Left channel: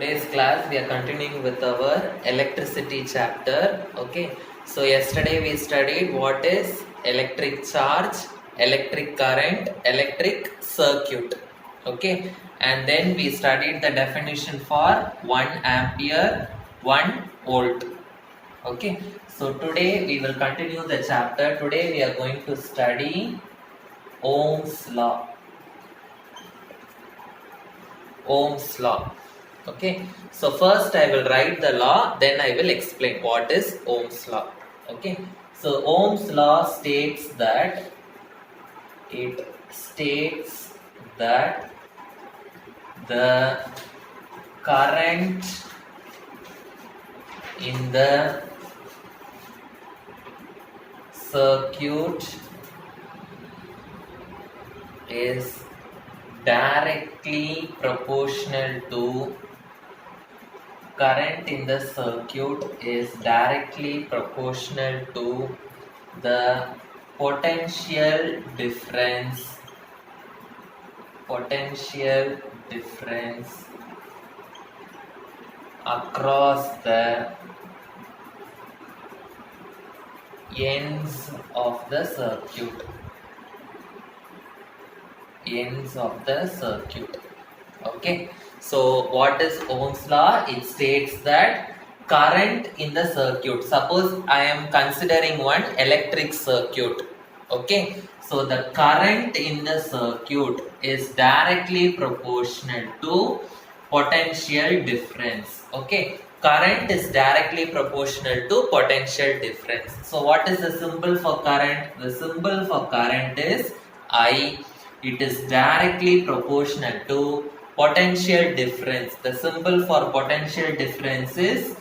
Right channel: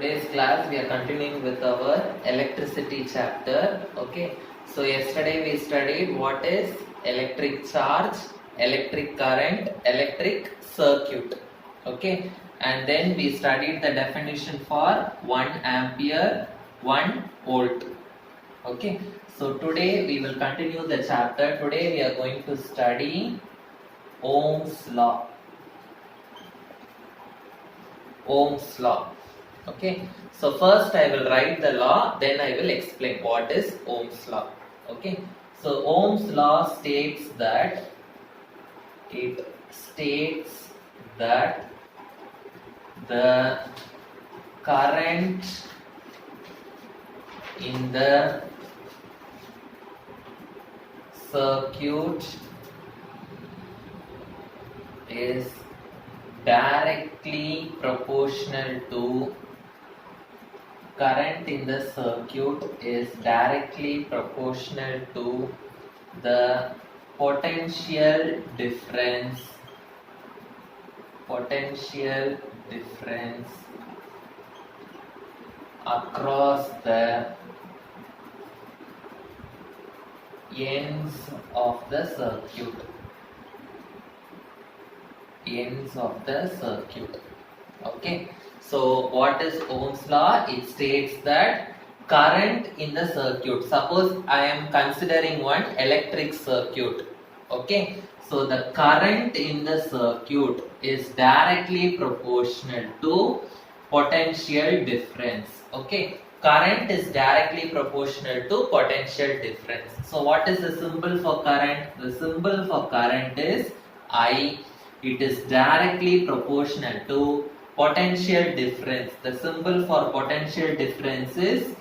Today's class we are continuing with our electricity chapter. Okay, so yesterday we studied what is electric charge, electric current, electric circuit. Okay, and then we studied the definition for 1 ampere, 1 volt. Okay, so today we will continue the chapter. Today we are going to study Ohm's law. Ohm's law. Okay, so first I will write the law, then I will explain what is Ohm's law. Okay, so Ohm's law states that the current in the circuit is directly proportional to the potential difference across the ends of the circuit. Okay, so what is Ohm's law? It states that current in the circuit, suppose I am considering one electric circuit. Okay, so the current in the circuit is directly proportional to potential difference. Okay, current is directly proportional to potential difference. So what is the symbol for current? The symbol for current is I. It is directly proportional to potential difference. The symbol for potential difference is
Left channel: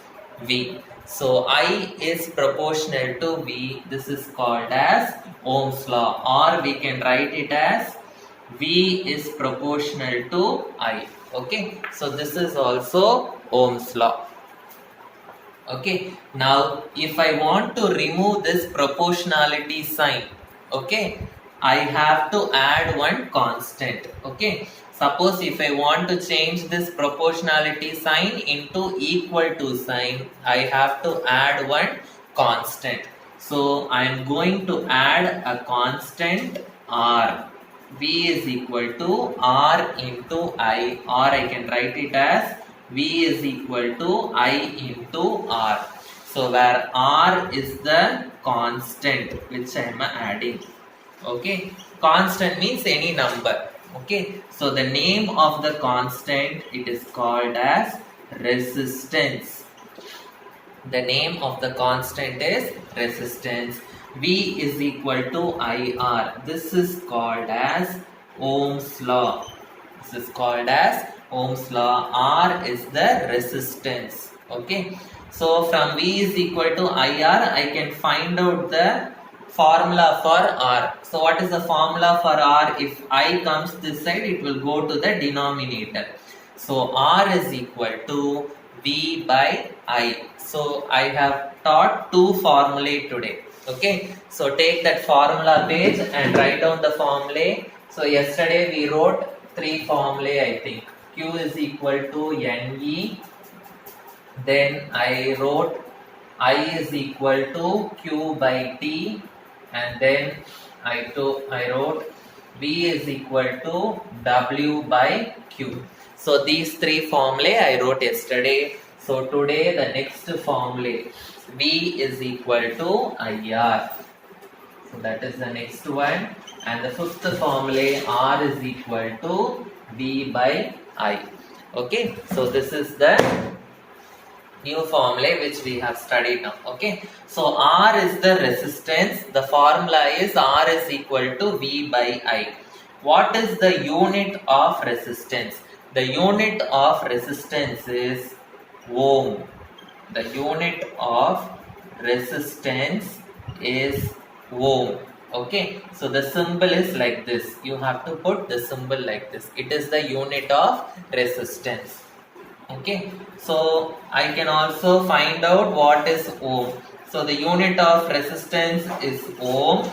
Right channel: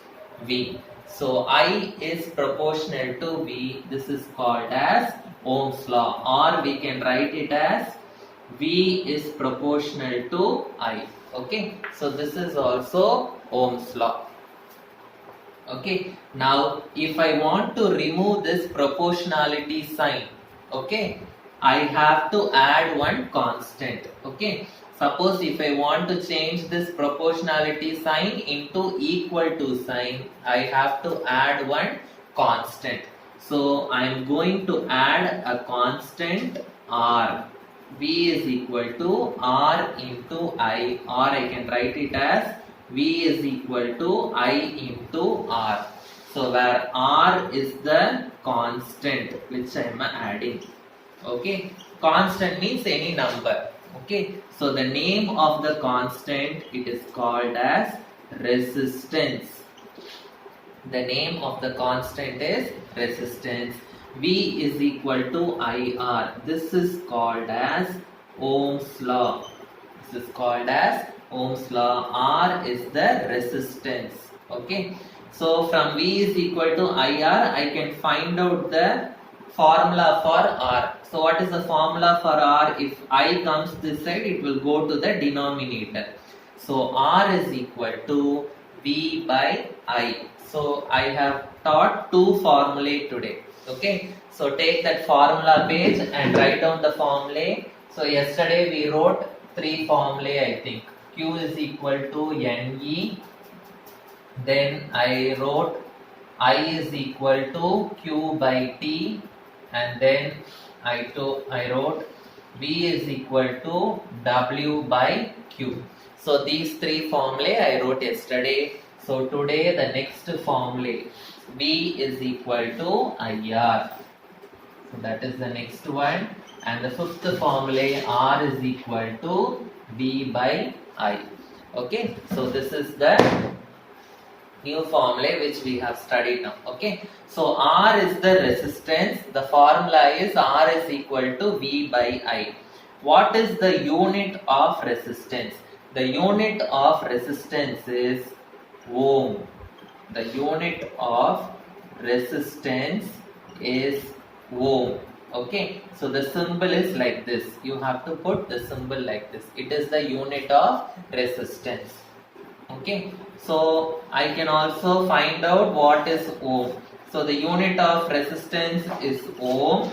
V. So I is proportional to V. This is called as Ohm's law, or we can write it as V is proportional to I. Okay, so this is also Ohm's law. Okay, now if I want to remove this proportionality sign, okay, I have to add one constant. Okay, suppose if I want to change this proportionality sign into equal to sign, I have to add one constant. So I am going to add a constant R. V is equal to R into I, or I can write it as V is equal to I into R. So where R is the constant which I am adding. Okay, constant means any number. Okay, so the name of the constant, it is called as resistance. The name of the constant is resistance. V is equal to IR. This is called as Ohm's law. This is called as Ohm's law. R is the resistance. Okay, so from V is equal to IR, I can find out the formula for R. So what is the formula for R? If I comes this side, it will go to the denominator. So R is equal to V by I. So I have taught two formulae today. Okay, so take that formula page and write down the formulae. So yesterday we wrote three formulae, I think. Q is equal to NE. Then I wrote I is equal to Q by T. And then I wrote V is equal to W by Q. So these three formulae I wrote yesterday. So today the next formulae, V is equal to IR. So that is the next one. And the fifth formulae, R is equal to V by I. Okay, so this is the new formula which we have studied now. Okay, so R is the resistance. The formula is R is equal to V by I. What is the unit of resistance? The unit of resistance is Ohm. The unit of resistance is Ohm. Okay, so the symbol is like this. You have to put the symbol like this. It is the unit of resistance. Okay, so I can also find out what is Ohm. So the unit of resistance is Ohm.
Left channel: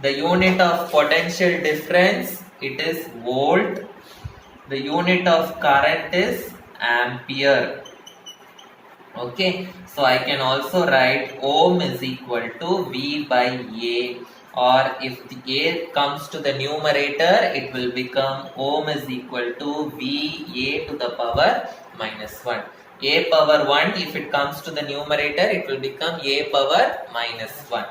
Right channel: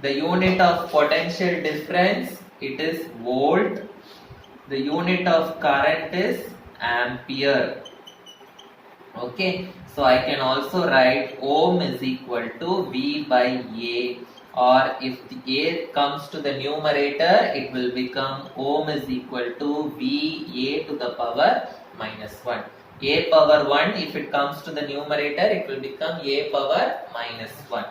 The unit of potential difference, it is volt. The unit of current is ampere. Okay, so I can also write ohm is equal to V by A, or if the A comes to the numerator, it will become ohm is equal to VA to the power minus 1. A power 1, if it comes to the numerator, it will become A power minus 1.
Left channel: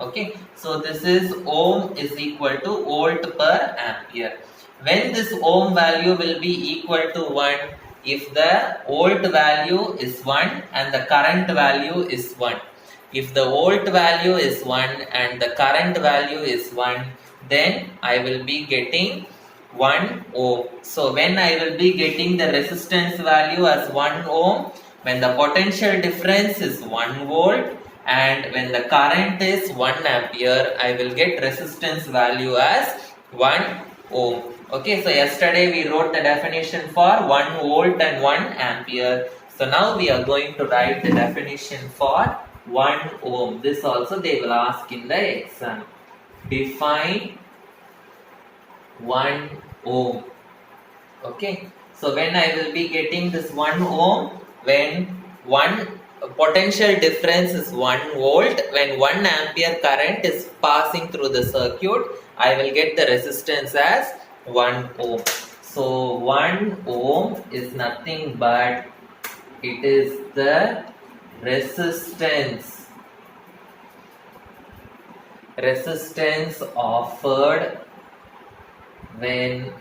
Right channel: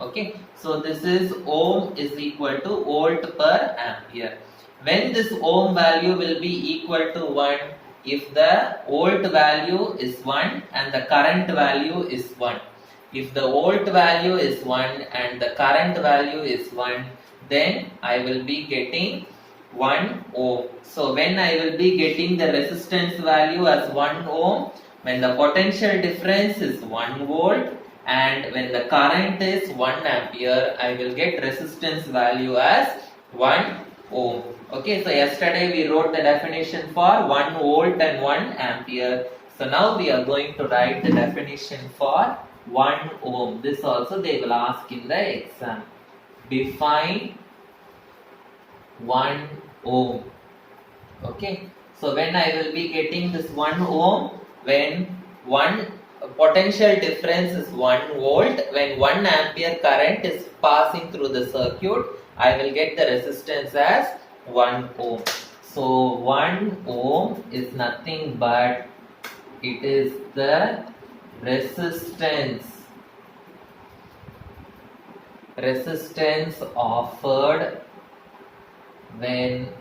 Okay, so this is ohm is equal to volt per ampere. When this ohm value will be equal to 1, if the volt value is 1 and the current value is 1. If the volt value is 1 and the current value is 1, then I will be getting 1 ohm. So when I will be getting the resistance value as 1 ohm, when the potential difference is 1 volt, and when the current is 1 ampere, I will get resistance value as 1 ohm. Okay, so yesterday we wrote the definition for 1 volt and 1 ampere. So now we are going to write the definition for 1 ohm. This also they will ask in the exam. Define 1 ohm. Okay, so when I will be getting this 1 ohm, when one potential difference is 1 volt, when 1 ampere current is passing through the circuit, I will get the resistance as 1 ohm. So 1 ohm is nothing but it is the resistance offered when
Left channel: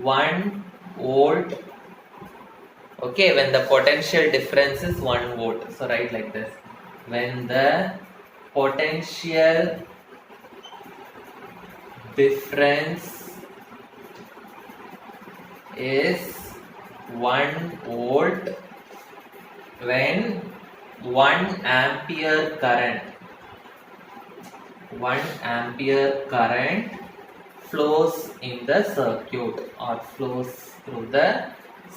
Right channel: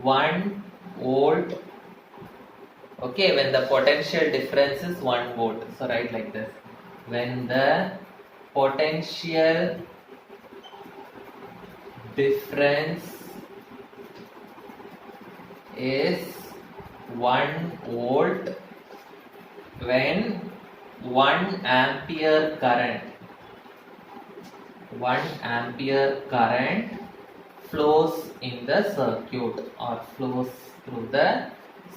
1 volt, okay, when the potential difference is 1 volt. So write like this. When the potential difference is 1 volt, when 1 ampere current flows in the circuit or flows through the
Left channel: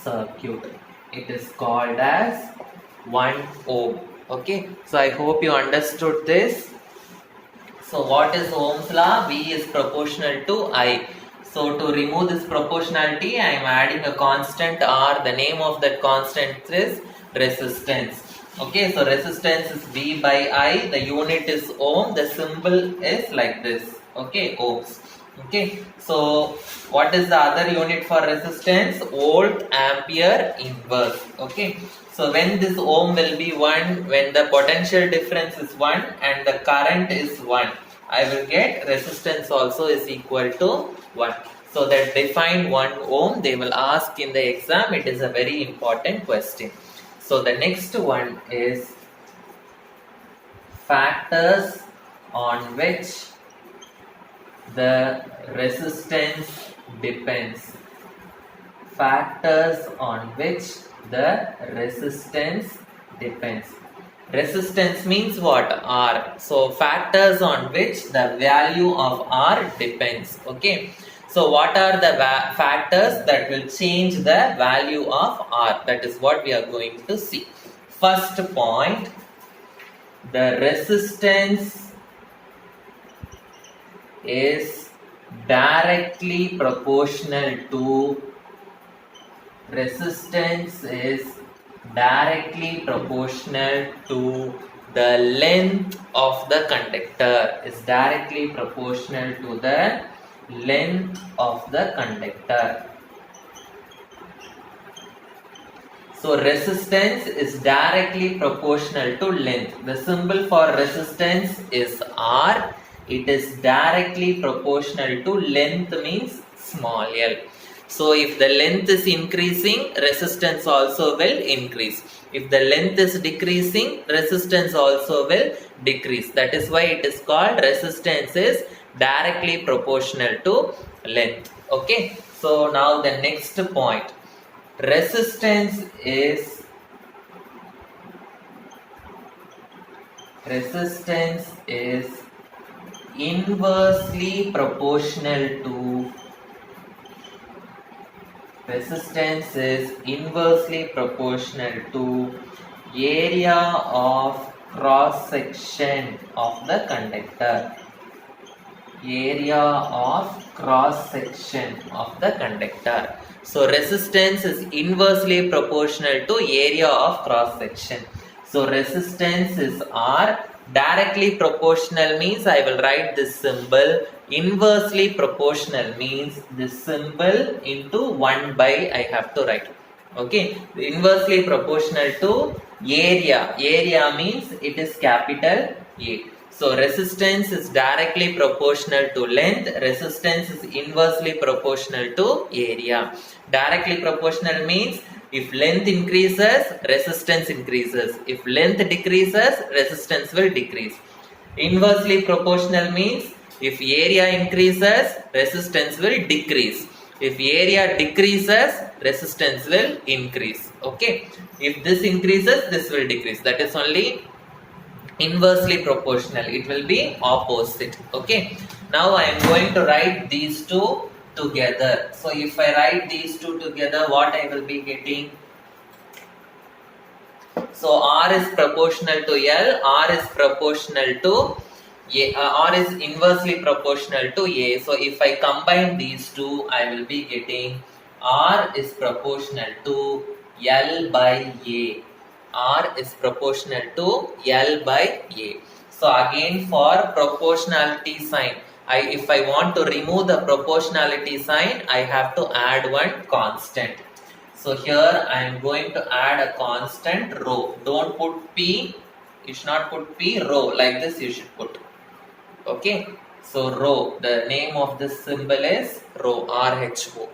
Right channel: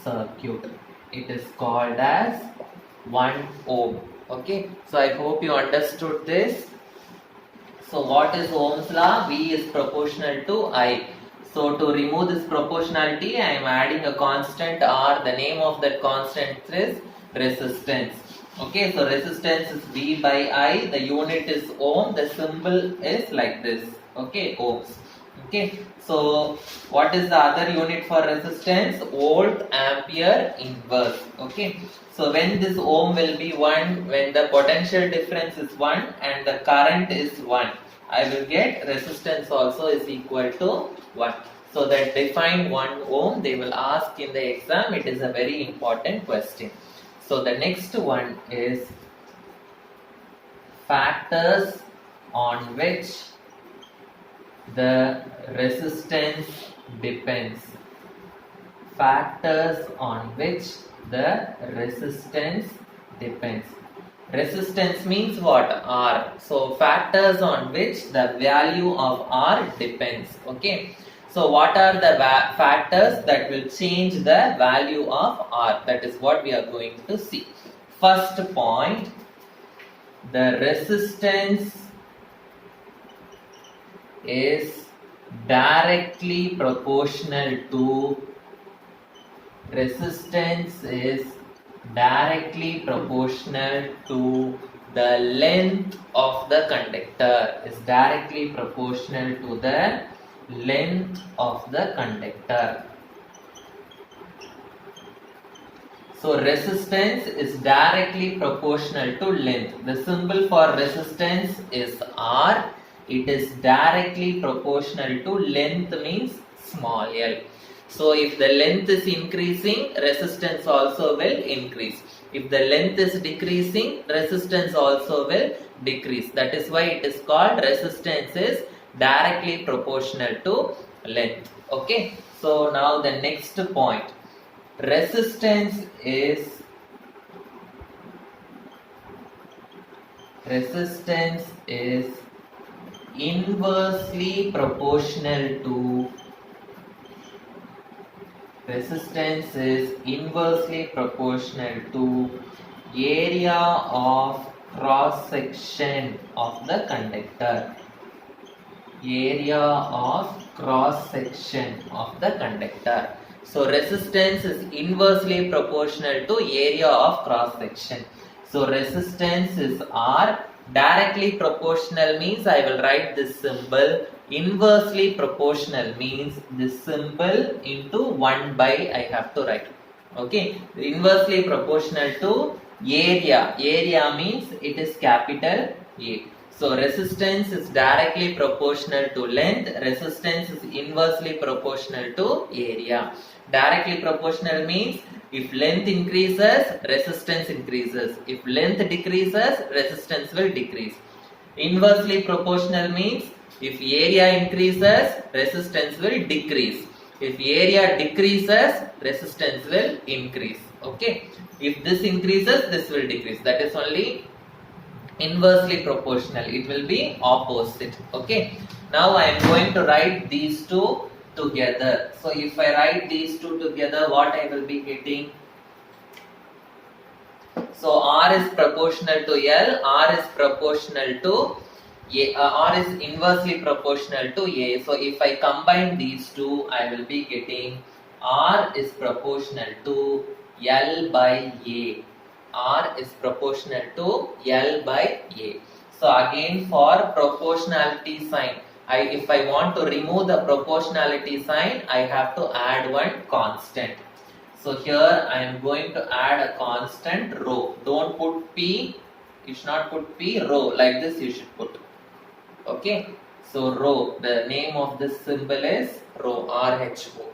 circuit, it is called as 1 ohm. Okay, so I hope you understood this. So what is Ohm's law? V is proportional to I. So to remove this proportionality, I am adding a constant R. The name of that constant is resistance. Okay, so resistance is V by I. The unit is ohm. The symbol is like this. Okay, ohms. Okay, so what is the other unit for resistance? Volt ampere inverse. Okay, so when this ohm will be 1, when the potential difference is 1 and the current is 1, I will get resistance also is equal to 1. So that define 1 ohm, they will ask in the exam. It is a very important question. So the next one is factors on which the resistance depends. Factors on which the resistance depends. Resistance means what? R. So factors on which the value of R depends. Okay. So what are the factors that will change the value of R? That is what we are going to see. First point, the resistance is directly proportional to the length of the conductor. Is directly proportional to the length of the conductor. So resistance is directly proportional to length. The symbol for resistance is R. It is directly proportional to length, means small l. So if the length is increasing, resistance also will increase. If the length is decreasing, resistance also will decrease. That is why it is called resistance is directly proportional to length. Okay. So now the next point. Resistance is inversely proportional to area of cross section of the conductor. So resistance is inversely proportional to area of cross section. So resistance is R. Directly proportional means I will write this symbol. Inversely proportional means this symbol into 1 by I have to write. Okay. Inversely proportional to area. Area means it is capital A. So resistance is directly proportional to length. Resistance is inversely proportional to area. Directly proportional means if length increases, resistance increases. If length decreases, resistance will decrease. Inversely proportional means if area increases, resistance will decrease. If area decreases, resistance will increase. Okay. If this increases, this will decrease. That is only inversely proportional. It will be opposite. Okay. Now I am going to write these two together. So if I write these two together, what I will be getting? So R is proportional to L, R is proportional to A, R is inversely proportional to A. So if I combine these two, I will be getting R is proportional to L by A. R is proportional to L by A. So again for proportionality sign, if I want to remove the proportionality sign, I have to add one constant. So here I am going to add a constant rho. Don't put P, you should not put P, rho, like this you should put. Okay, so rho, the name of this symbol is rho, RHO.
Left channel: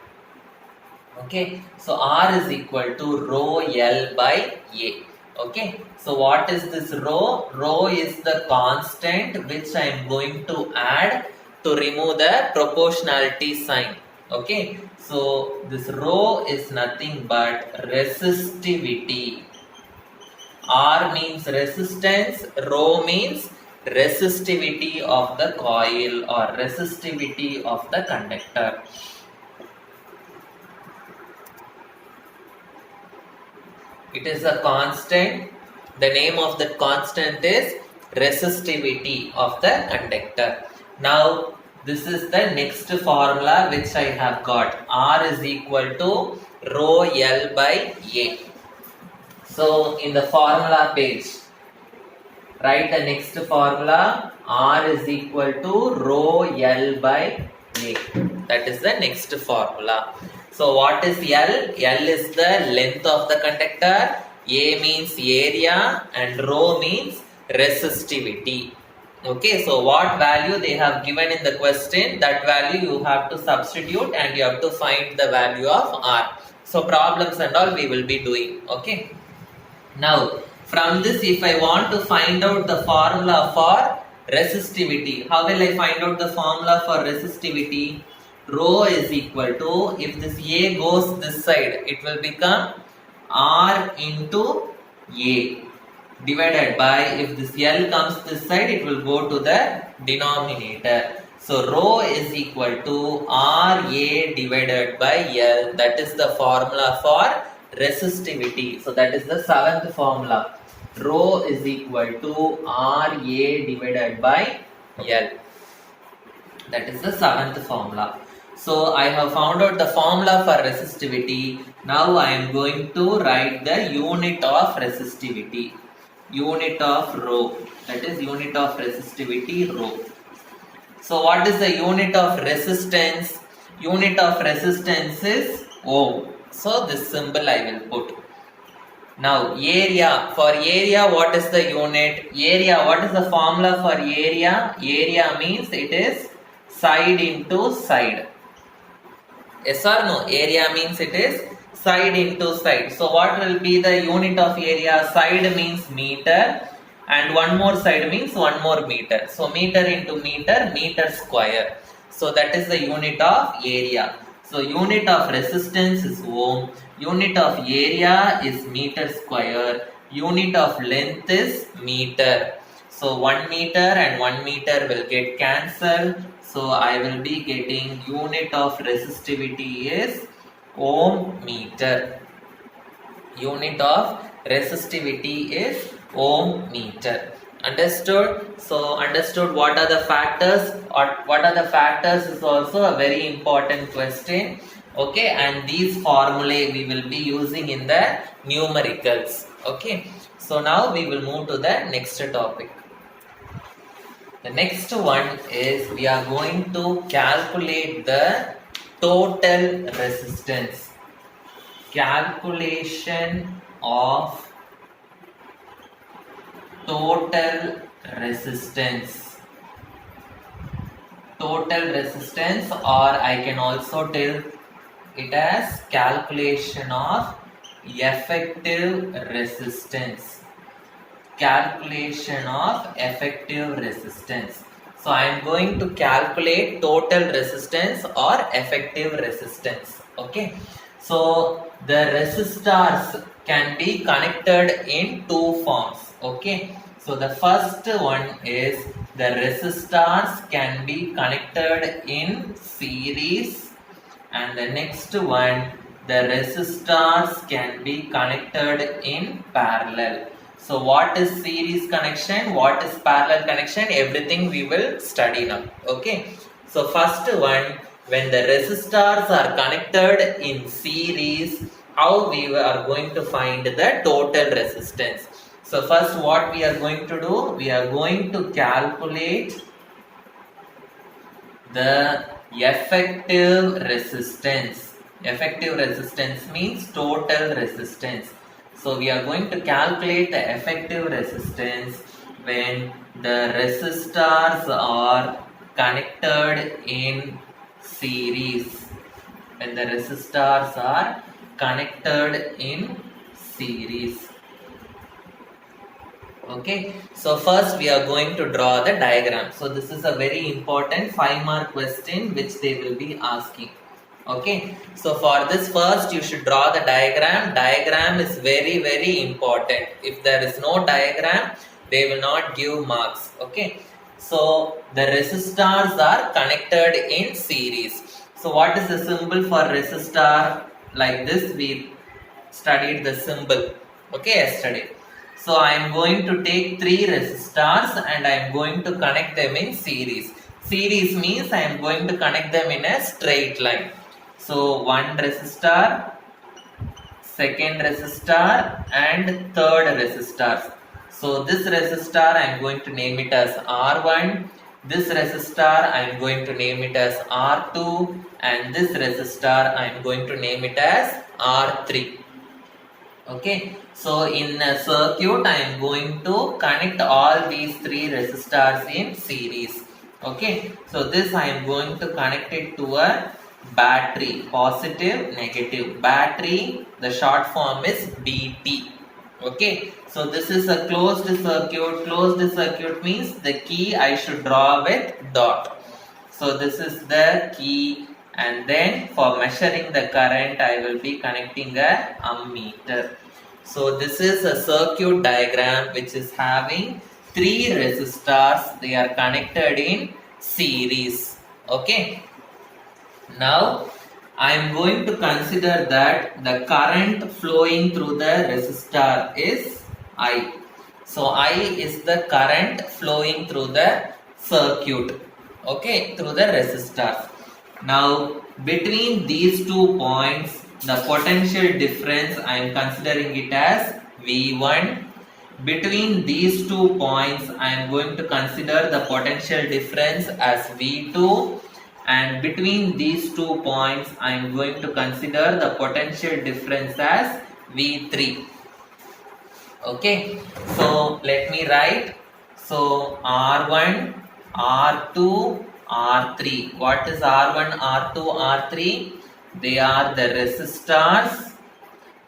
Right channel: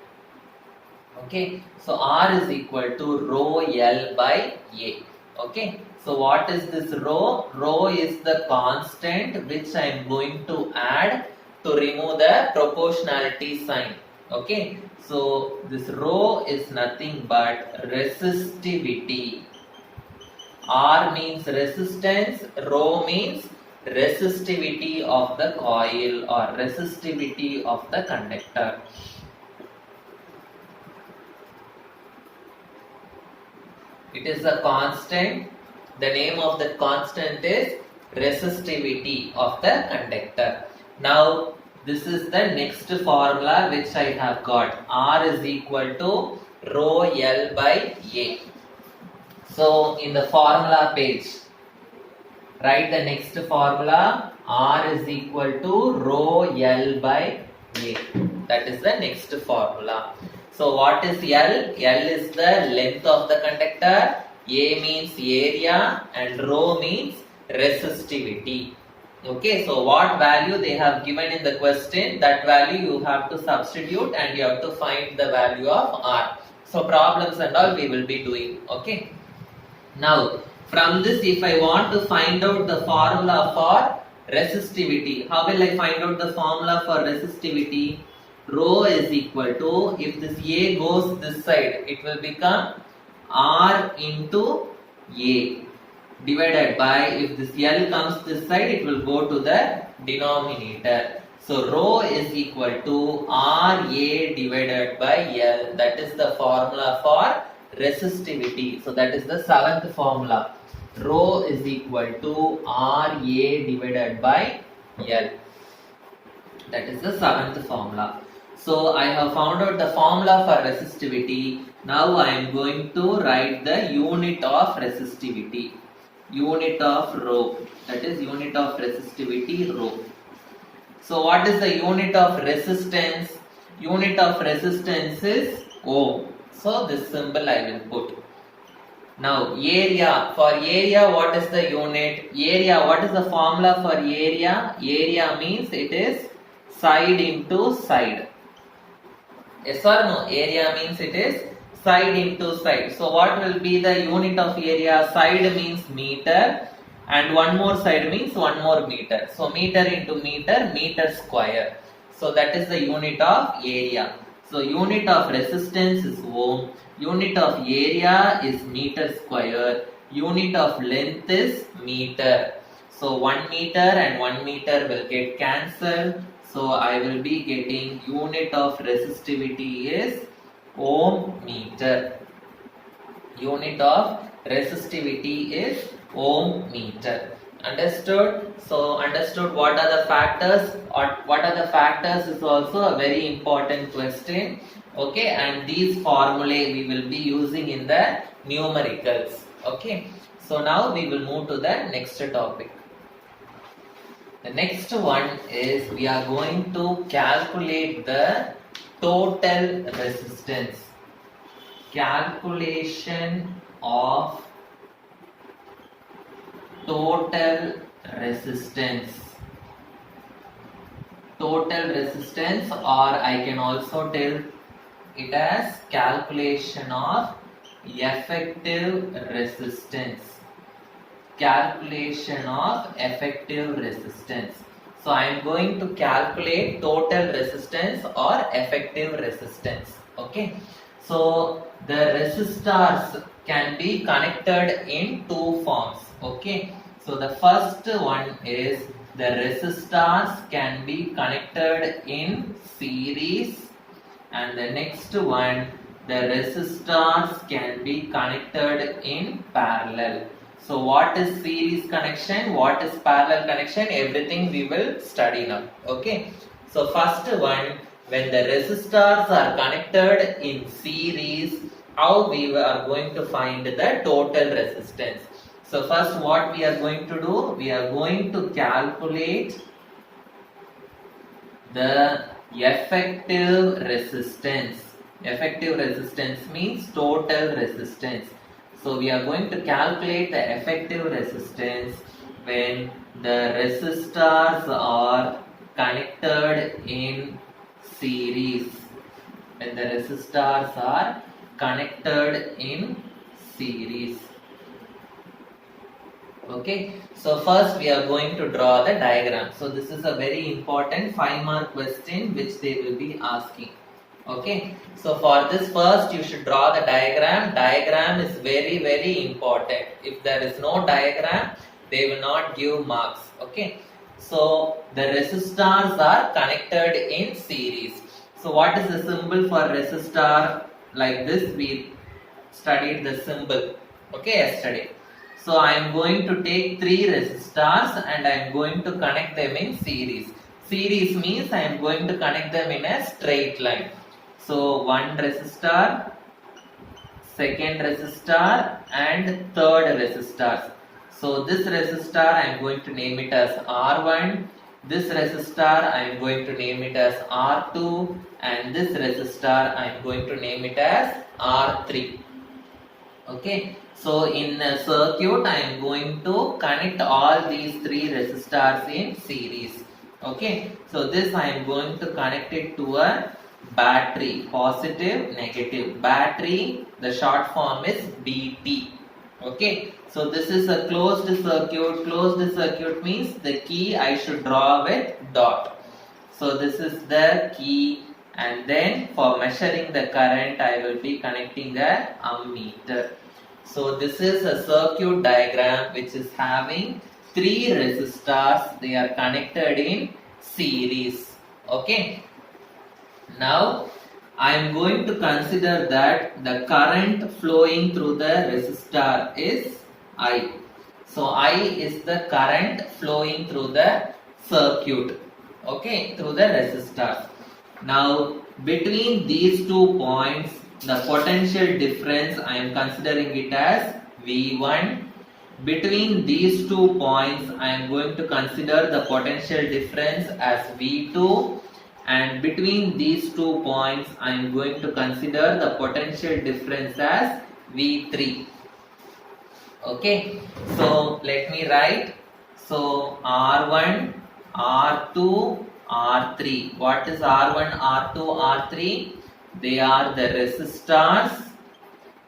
Okay, so R is equal to rho L by A. Okay, so what is this rho? Rho is the constant which I am going to add to remove the proportionality sign. Okay, so this rho is nothing but resistivity. R means resistance, rho means resistivity of the coil or resistivity of the conductor. It is a constant. The name of the constant is resistivity of the conductor. Now this is the next formula which I have got. R is equal to rho L by A. So in the formula page, write the next formula. R is equal to rho L by A. That is the next formula. So what is L? L is the length of the conductor. A means area and rho means resistivity. Okay, so what value they have given in the question, that value you have to substitute and you have to find the value of R. So problems and all we will be doing. Okay. Now from this, if I want to find out the formula for resistivity, how will I find out the formula for resistivity? Rho is equal to, if this A goes this side, it will become R into A divided by, if this L comes this side, it will go to the denominator. So rho is equal to RA divided by L. That is the formula for resistivity. So that is the seventh formula. Rho is equal to RA divided by L. That is the seventh formula. So I have found out the formula for resistivity. Now I am going to write the unit of resistivity. Unit of rho. That is unit of resistivity rho. So what is the unit of resistance? Unit of resistance is ohm. So this symbol I will put. Now area. For area, what is the unit? Area, what is the formula for area? Area means it is side into side. Yes or no? Area means it is side into side. So what will be the unit of area? Side means meter and one more side means one more meter. So meter into meter, meter square. So that is the unit of area. So unit of resistance is ohm. Unit of area is meter square. Unit of length is meter. So 1 meter and 1 meter will get cancelled. So I will be getting unit of resistivity is ohm meter. Unit of resistivity is ohm meter. Understood? So understood what are the factors, or what are the factors is also a very important question. Okay, and these formulae we will be using in the numericals. Okay, so now we will move to the next topic. The next one is we are going to calculate the total resistance. Calculation of total resistance. Total resistance, or I can also tell it as calculation of effective resistance. Calculation of effective resistance. So I am going to calculate total resistance or effective resistance. Okay. So the resistors can be connected in two forms. Okay. So the first one is the resistors can be connected in series, and the next one, the resistors can be connected in parallel. So what is series connection, what is parallel connection, everything we will study now. Okay, so first one, when the resistors are connected in series, how we are going to find the total resistance. So first what we are going to do, we are going to calculate the effective resistance. Effective resistance means total resistance. So we are going to calculate the effective resistance when the resistors are connected in series. When the resistors are connected in series. Okay, so first we are going to draw the diagram. So this is a very important 5-mark question which they will be asking. Okay, so for this first you should draw the diagram. Diagram is very important. If there is no diagram, they will not give marks. Okay, so the resistors are connected in series. So what is the symbol for resistor? Like this we studied the symbol, okay, yesterday. So I am going to take 3 resistors and I am going to connect them in series. Series means I am going to connect them in a straight line. So one resistor, second resistor and third resistor. So this resistor I am going to name it as R1. This resistor I am going to name it as R2, and this resistor I am going to name it as R3. Okay, so in a circuit I am going to connect all these 3 resistors in series. Okay, so this I am going to connect it to a battery, positive, negative. Battery, the short form is BT. Okay, so this is a closed circuit. Closed circuit means the key I should draw with dot. So this is the key, and then for measuring the current I will be connecting a ammeter. So this is a circuit diagram which is having 3 resistors. They are connected in series. Okay. Now I am going to consider that the current flowing through the resistor is I. So I is the current flowing through the circuit. Okay, through the resistors. Now between these 2 points, the potential difference I am considering it as V1. Between these 2 points I am going to consider the potential difference as V2, and between these 2 points I am going to consider the potential difference as V3. Okay, so let me write. So R1, R2, R3. What is R1, R2, R3? They are the resistors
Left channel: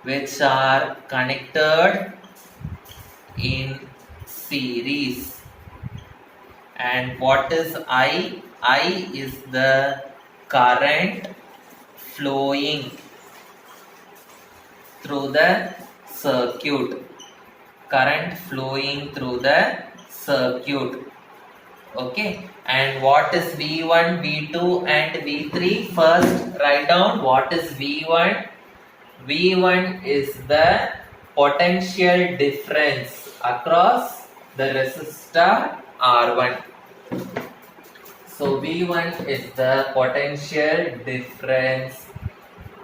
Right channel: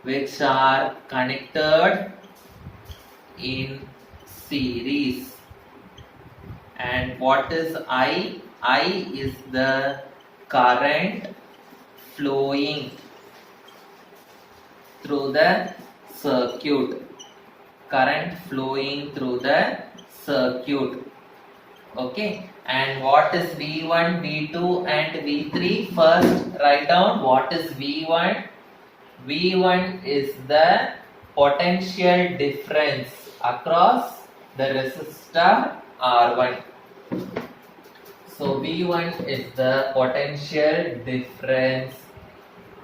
which are connected in series. And what is I? I is the current flowing through the circuit. Current flowing through the circuit. Okay, and what is V1, V2 and V3? First write down what is V1. V1 is the potential difference across the resistor R1. So V1 is the potential difference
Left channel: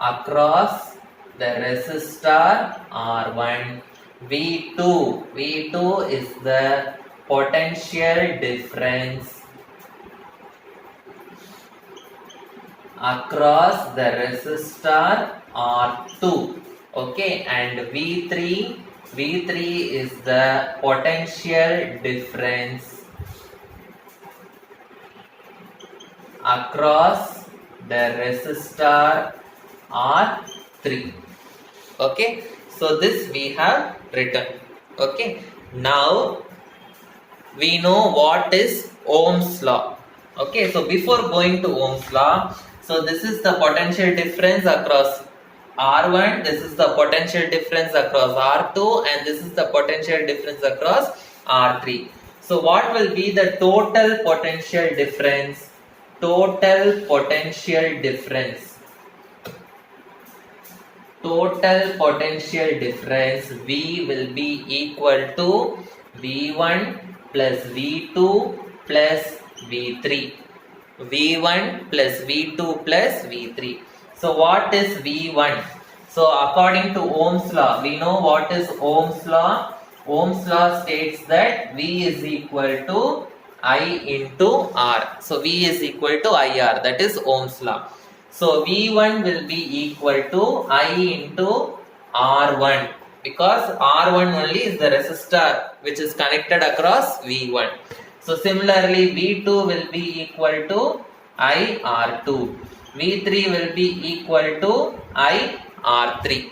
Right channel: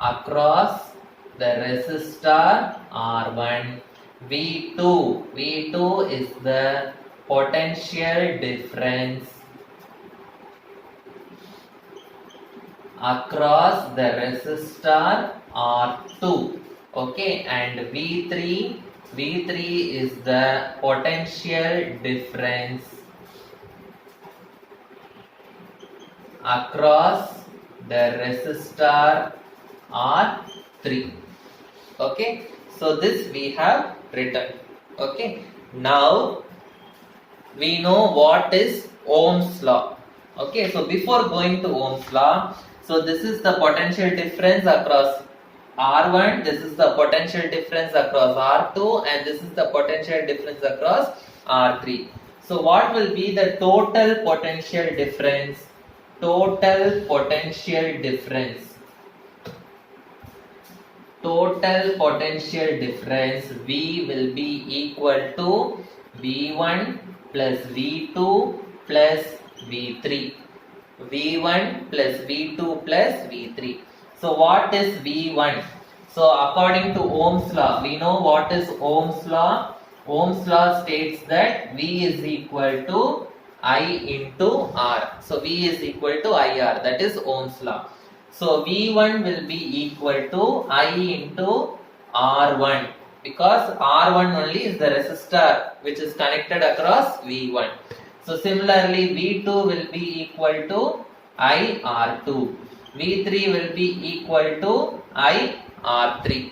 across the resistor R1. V2 is the potential difference across the resistor R2. Okay, and V3 is the potential difference across the resistor R3. Okay, so this we have written. Okay, now we know what is Ohm's law. Okay, so before going to Ohm's law, so this is the potential difference across R1, this is the potential difference across R2, and this is the potential difference across R3. So what will be the total potential difference? Total potential difference V will be equal to V1 plus V2 plus V3. V1 plus V2 plus V3. So what is V1? So according to Ohm's law, we know what is Ohm's law. Ohm's law states that V is equal to I into R. So V is equal to IR, that is Ohm's law. So V1 will be equal to I into R1, because R1 only is the resistor which is connected across V1. So similarly V2 will be equal to I R2. V3 will be equal to I R3.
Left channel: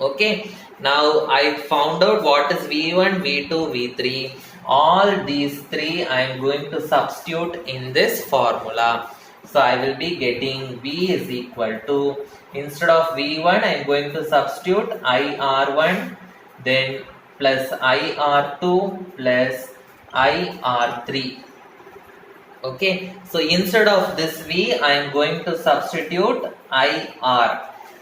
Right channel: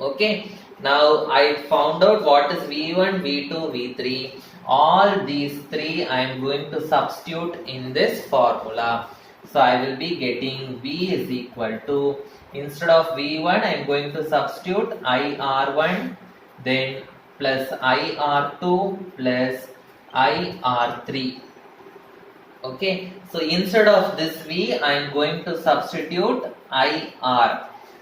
Okay, now I found out what is V1, V2, V3. All these three I am going to substitute in this formula. So I will be getting V is equal to, instead of V1 I am going to substitute IR1, then plus IR2 plus IR3. Okay, so instead of this V I am going to substitute IR.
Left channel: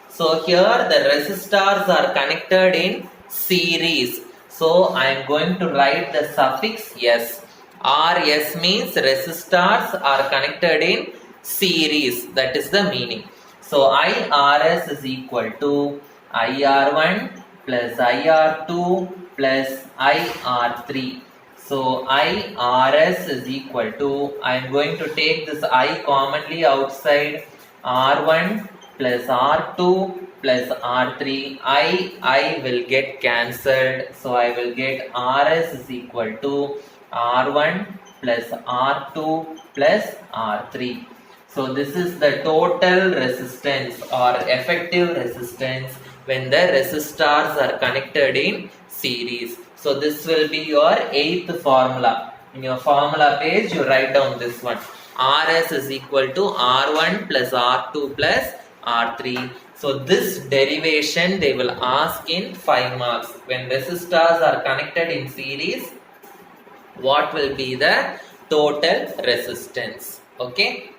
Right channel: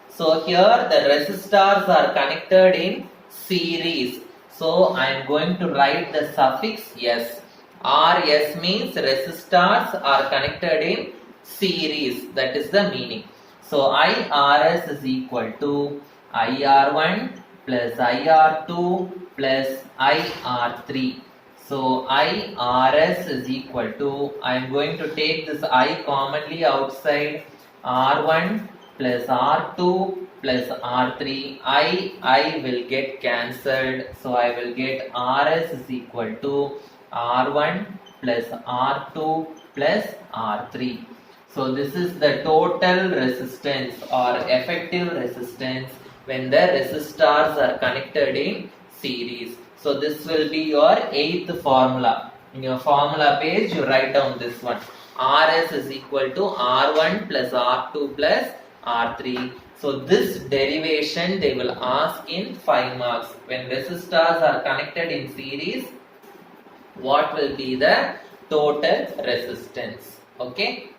So here the resistors are connected in series. So I am going to write the suffix S. RS means resistors are connected in series. That is the meaning. So IRS is equal to IR1 plus IR2 plus IR3. So IRS is equal to, I am going to take this I commonly outside, R1 plus R2 plus R3. I will get cancelled. So I will get RS is equal to R1 plus R2 plus R3. So this is the total resistance or effective resistance when the resistors are connected in series. So this will be your 8th formula. In your formula page, you write down this one. RS is equal to R1 plus R2 plus R3. So this derivation they will ask in 5 marks. When resistors are connected in series, what will be the total resistance? Okay.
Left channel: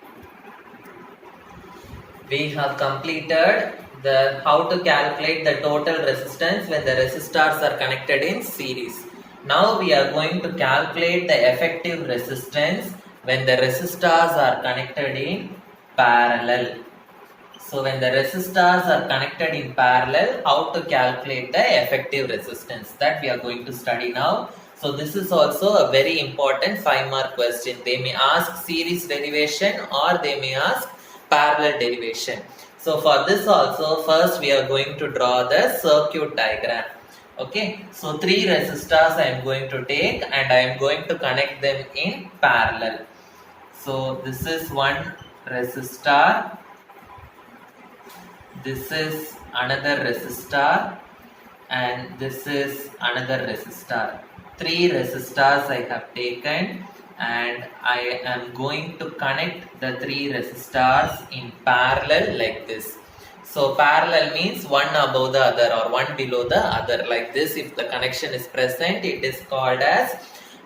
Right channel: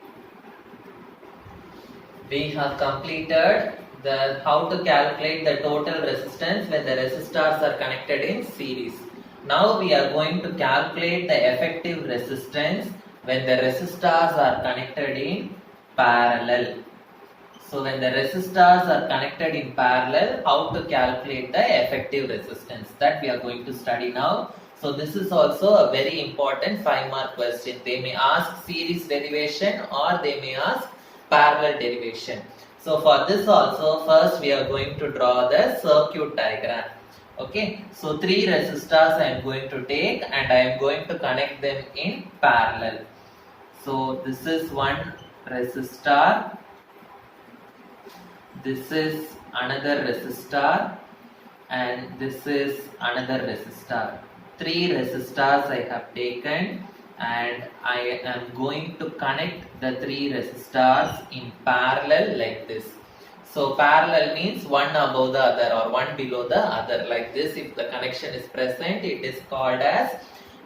We have completed the how to calculate the total resistance when the resistors are connected in series. Now we are going to calculate the effective resistance when the resistors are connected in parallel. So when the resistors are connected in parallel, how to calculate the effective resistance, that we are going to study now. So this is also a very important 5-mark question. They may ask series derivation or they may ask parallel derivation. So for this also, first we are going to draw the circuit diagram. Okay, so 3 resistors I am going to take and I am going to connect them in parallel. So this is one resistor, this is another resistor, and this is another resistor. 3 resistors I have taken and I am going to connect the 3 resistors in parallel like this. So parallel means one above the other or one below the other, like this. If the connection is present, it is called as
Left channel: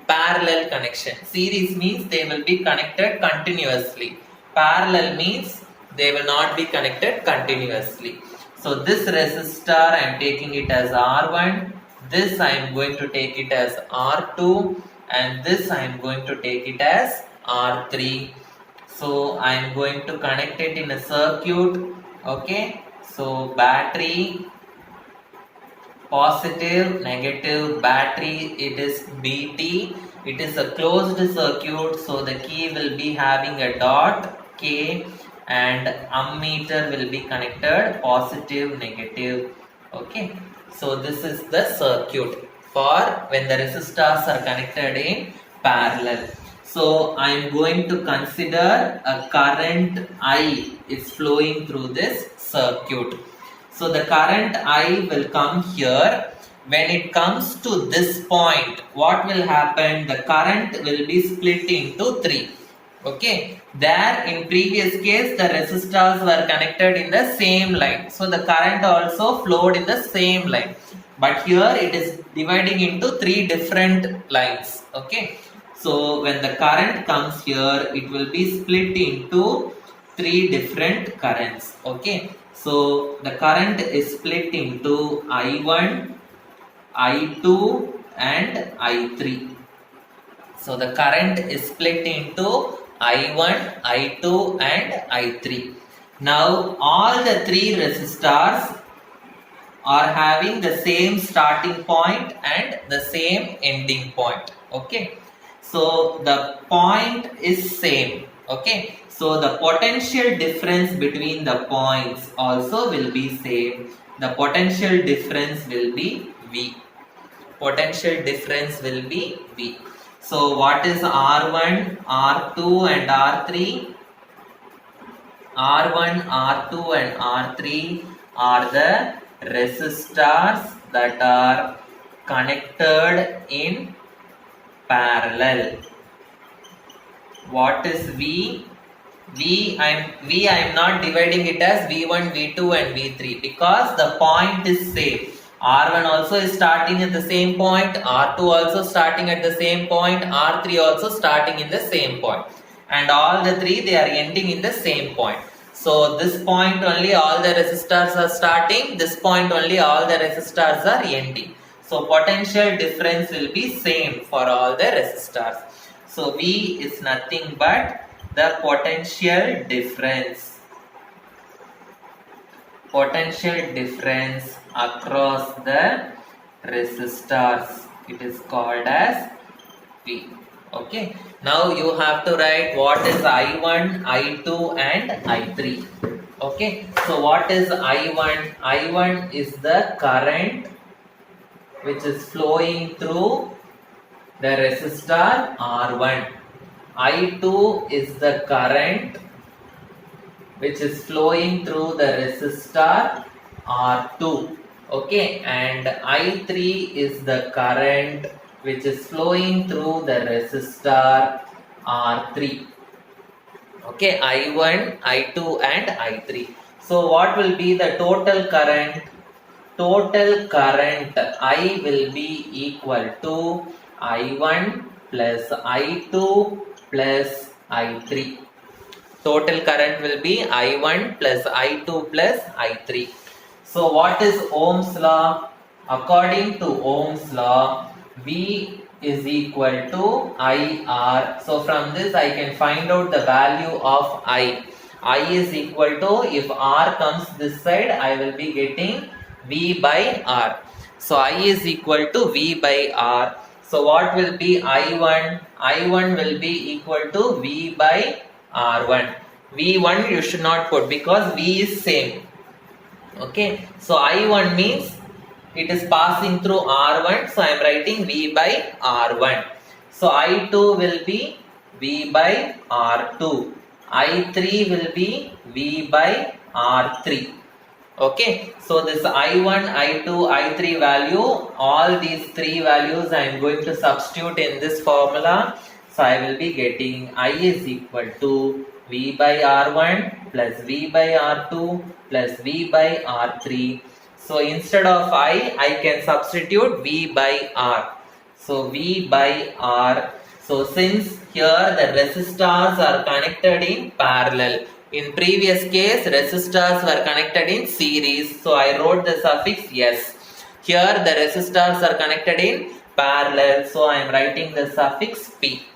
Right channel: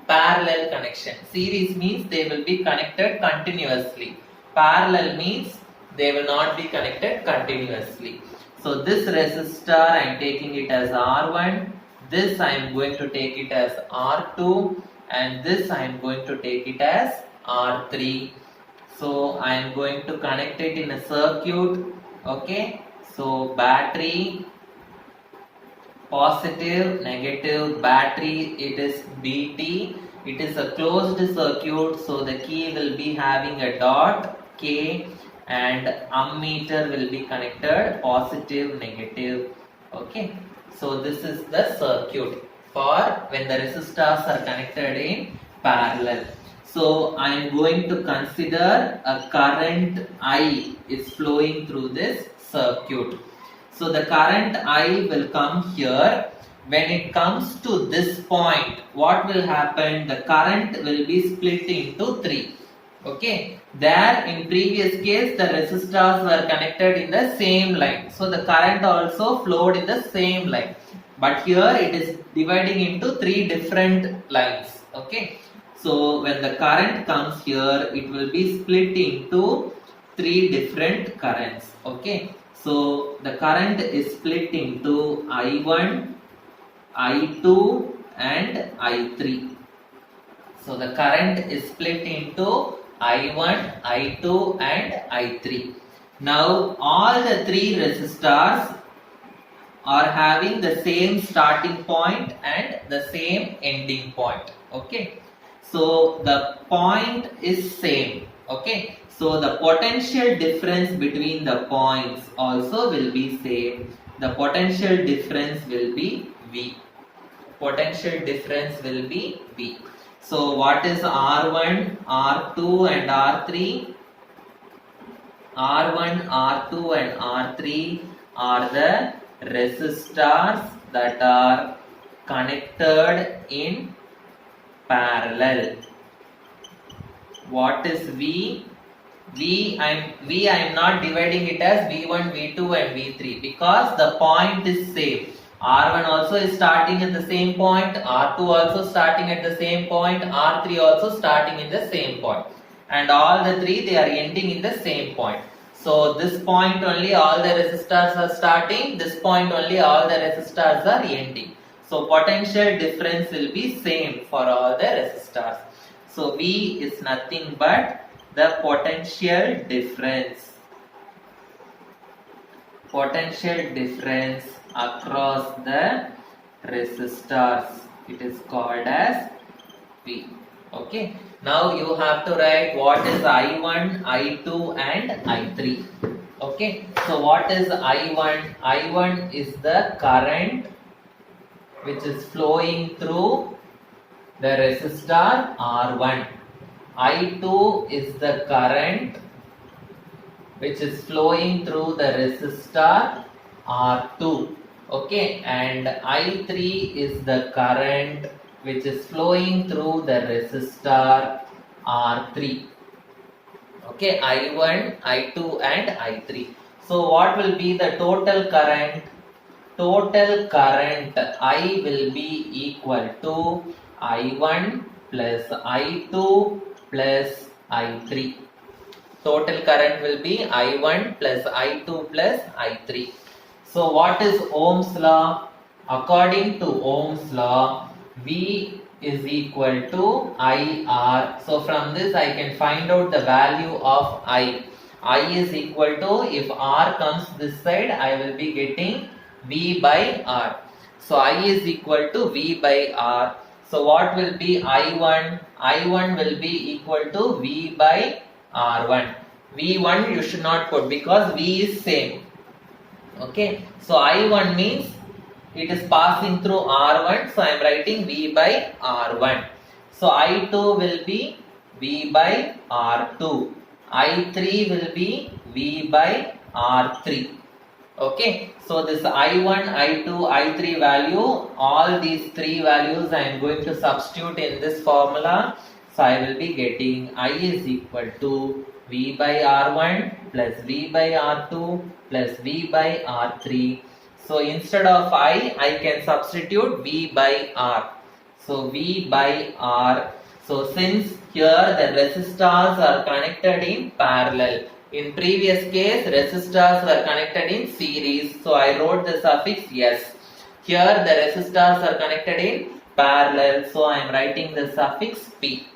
parallel connection. Series means they will be connected continuously. Parallel means they will not be connected continuously. So this resistor I am taking it as R1, this I am going to take it as R2, and this I am going to take it as R3. So I am going to connect it in a circuit. Okay, so battery, positive, negative, battery, it is BT. It is a closed circuit, so the key will be having a dot K and ammeter will be connected positive, negative. Okay, so this is the circuit for when the resistors are connected in parallel. So I am going to consider a current I is flowing through this circuit. So the current I will come here. When it comes to this point, what will happen? The current will be split into three. Okay. There in previous case, the resistors were connected in the same line. So the current also flowed in the same line. But here it is dividing into three different lines. Okay. So when the current comes here, it will be split into three different currents. Okay. So the current is split into I1, I2 and I3. So the current is split into I1, I2 and I3. Now all the three resistors are having the same starting point and the same ending point. Okay. So the point is same. Okay. So the potential difference between the points also will be same. The potential difference will be V. Potential difference will be V. So what is R1, R2 and R3? R1, R2 and R3 are the resistors that are connected in parallel. What is V? I am not dividing it as V1, V2 and V3 because the point is same. R1 also is starting at the same point, R2 also starting at the same point, R3 also starting in the same point. And all the three they are ending in the same point. So this point only all the resistors are starting, this point only all the resistors are ending. So potential difference will be same for all the resistors. So V is nothing but the potential difference. Potential difference across the resistors. It is called as V. Okay. Now you have to write what is I1, I2 and I3. Okay. So what is I1? I1 is the current which is flowing through the resistor R1. I2 is the current which is flowing through the resistor R2. Okay, and I3 is the current which is flowing through the resistor R3. Okay, I1, I2 and I3. So what will be the total current? Total current I will be equal to I1 plus I2 plus I3. Total current will be I1 plus I2 plus I3. So what is Ohm's law? According to Ohm's law, V is equal to IR. So from this I can find out the value of I. I is equal to, if R comes this side, I will be getting V by R. So I is equal to V by R. So what will be I1? I1 will be equal to V by R1. V1 you should not put because V is same. Okay. So I1 means it is passing through R1. So I am writing V by R1. So I2 will be V by R2. I3 will be V by R3. Okay, so this I1, I2, I3 value, all these three values I am going to substitute in this formula. So I will be getting I is equal to V by R1 plus V by R2 plus V by R3. So instead of I can substitute V by R. So V by R. So since here the resistors are connected in parallel. In previous case, resistors were connected in series. So I wrote the suffix S. Here the resistors are connected in parallel. So I am writing the suffix P.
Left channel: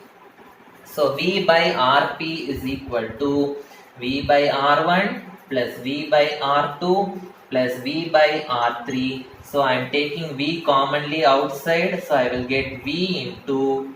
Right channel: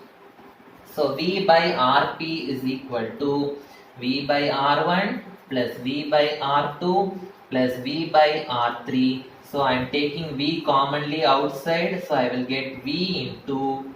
So V by Rp is equal to V by R1 plus V by R2 plus V by R3. So I am taking V commonly outside, so I will get V into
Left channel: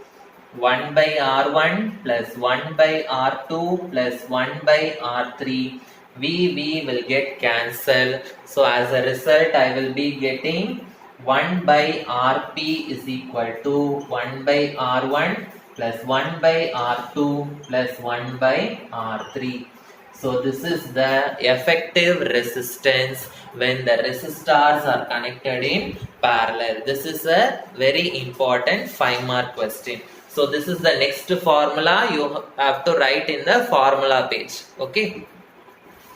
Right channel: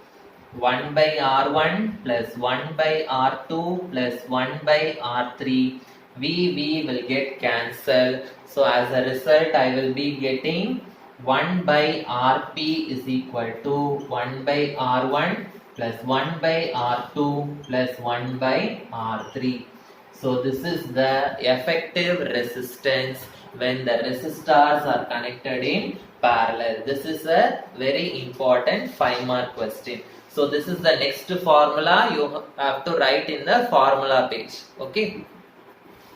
1 by R1 plus 1 by R2 plus 1 by R3. V will get cancelled. So as a result, I will be getting 1 by Rp is equal to 1 by R1 plus 1 by R2 plus 1 by R3. So this is the effective resistance when the resistors are connected in parallel. This is a very important 5-mark question. So this is the next formula you have to write in the formula page. Okay.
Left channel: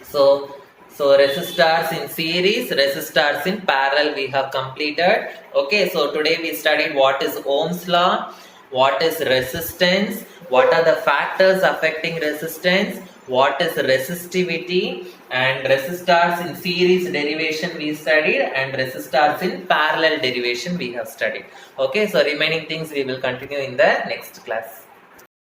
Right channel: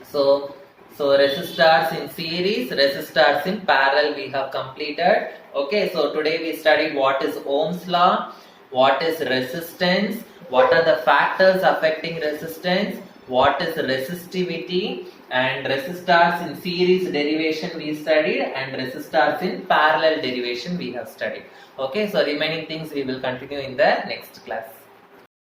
So resistors in series, resistors in parallel we have completed. Okay, so today we studied what is Ohm's law, what is resistance, what are the factors affecting resistance, what is resistivity, and resistors in series derivation we studied, and resistors in parallel derivation we have studied. Okay, so remaining things we will continue in the next class.